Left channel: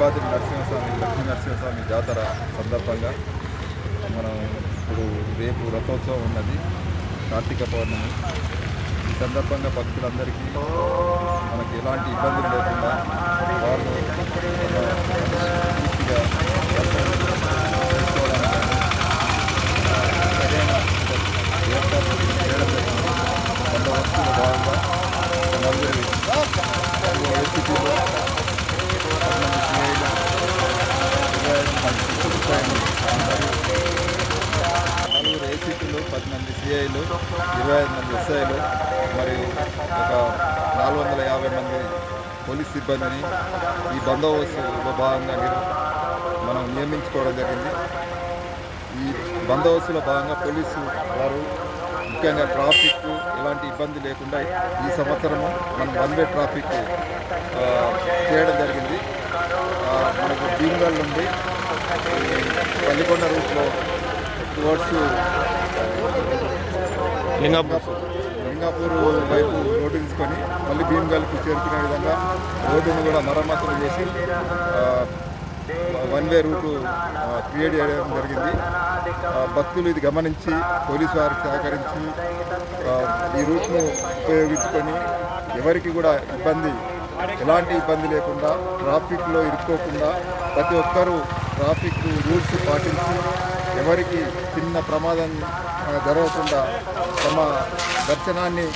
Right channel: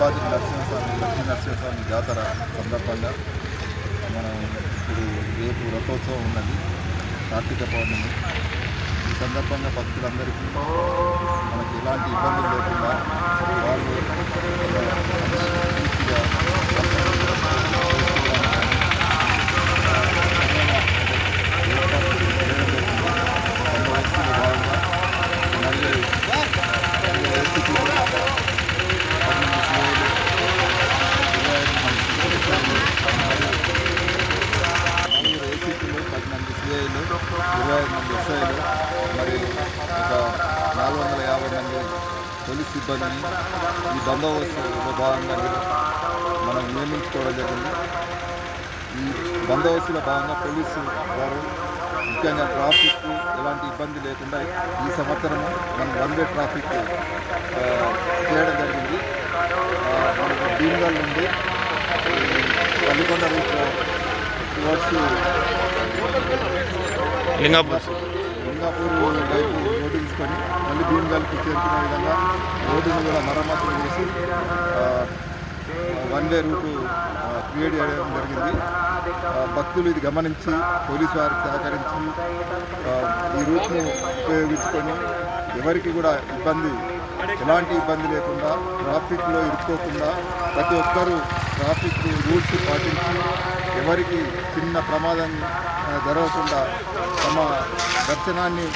నరసింహస్వామి లక్ష్మీ నరసింహస్వామి జాతర సందర్భంగా మనం ఇప్పుడు రేపు రథోత్సవం ఉన్నది కార్తీక పౌర్ణమి. ఈ సందర్భంగా భక్తులందరికీ మనకి ఎలాంటి ఇబ్బందులు లేకుండా వాళ్ళు పూర్తిగా ఏర్పాటు చేయడం జరిగింది. బందోబస్తులో భాగంగా నలుగురు ఏసీపీలు పన్నెండు సిఐలు ఇరవై ఐదు మంది సిబ్బంది మరియు నలుగురు ఏసీపీలు పది మంది సిఐలు ఇరవై ఐదు మంది ఎస్ఐలు మరియు ఒక నాలుగు వందల యాభై మంది పోలీస్ సిబ్బందిని ఈ బందోబస్తులో భాగంగా మనం నియమించుకోవడం జరిగింది ఈ బందోబస్తులో భాగంగా పోలీసు వారు ముఖ్యంగా ట్రాఫిక్ ఎలాంటి ఇబ్బంది లేకుండా ఈ సంవత్సరము మనం వన్ వే ట్రాఫిక్ చేయడం జరిగింది మనకు భీమ్గల్ నుండి పల్లికొండ రూట్లో టువర్డ్స్ లింగాపూర్. లింగాపూర్ వైపు రోడ్డు తీసుకొని మళ్ళీ భీమ్గల్కి చేరుకునే విధంగా రోడ్డును కూడా మరమ్మతులు చేసి వన్ వే రూటు క్రియేట్ చేయడం జరిగింది. భక్తులు ఇది గమనించి పోలీసు వారికి సహకరించి ఈ రూట్ను ఉపయోగించుకొని ఎవరికి కూడా ఇబ్బంది ఎలాంటి ఇబ్బంది లేకుండా ట్రాఫిక్లో ఇరుక్కోకుండా ప్రతి ఒక్కరూ ట్రాఫిక్ రూల్స్ పాటించి ఎవరికి చిన్న ప్రమాదం జరగకుండా తమ దర్శనాన్ని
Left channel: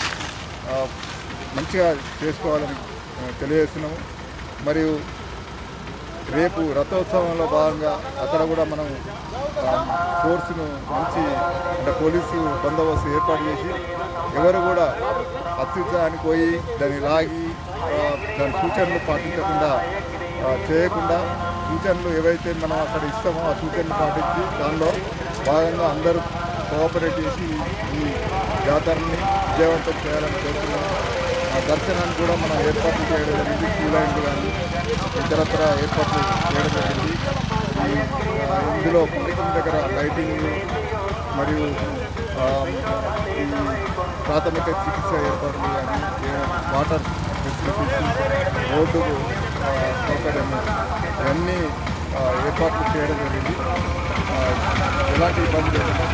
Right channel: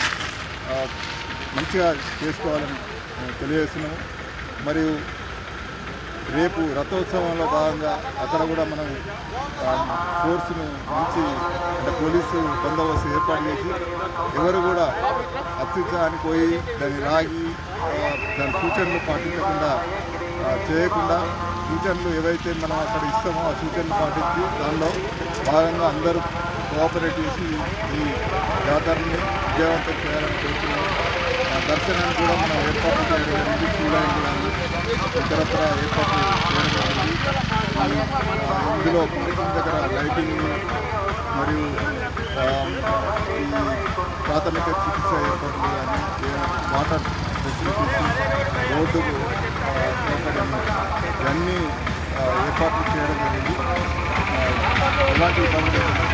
మంచిగా చేసుకోవాలని తెలియజేస్తున్నాము. మరియు రేపు రథోత్సవంలో భాగంగా అక్కడ కూడా మనం ఫోర్స్ను మంచి అంటే పోలీసు బందోబస్తు ఏర్పాటు చేసి ఎవరు కూడా అత్యుత్సాహానికి పోయి దాన్ని లాగి దాని సూచనలు పాటించకుండా చేయకుండా సూచనలు ఏవైతే మనం అక్కడ ఇస్తామో ఆ సూచనలు పాటించి దానిలో భాగంగా అందరూ కోఆపరేట్ చేసి ఈ జాతరని విజయవంతం చేయాలని కోరుతున్నాం. ఆ దర్శనాన్ని కూడా మనం ఏర్పాట్లు చేయడం జరిగింది క్యూ కానీ ఇతరత్ర ఏర్పాట్లు చేయడం జరిగింది. ఈ ఇందులో పార్కింగ్ దగ్గర లైటింగ్ మరియు ఈ ప్రాథమిక చికిత్స ఏర్పాట్లు కానీ వాటర్ ఫెసిలిటీస్ రోడ్డుకు సౌకర్యము ఇవన్నీ ఏర్పాట్లు చేయడం జరిగింది. ఎలాంటి ఇబ్బంది లేకుండా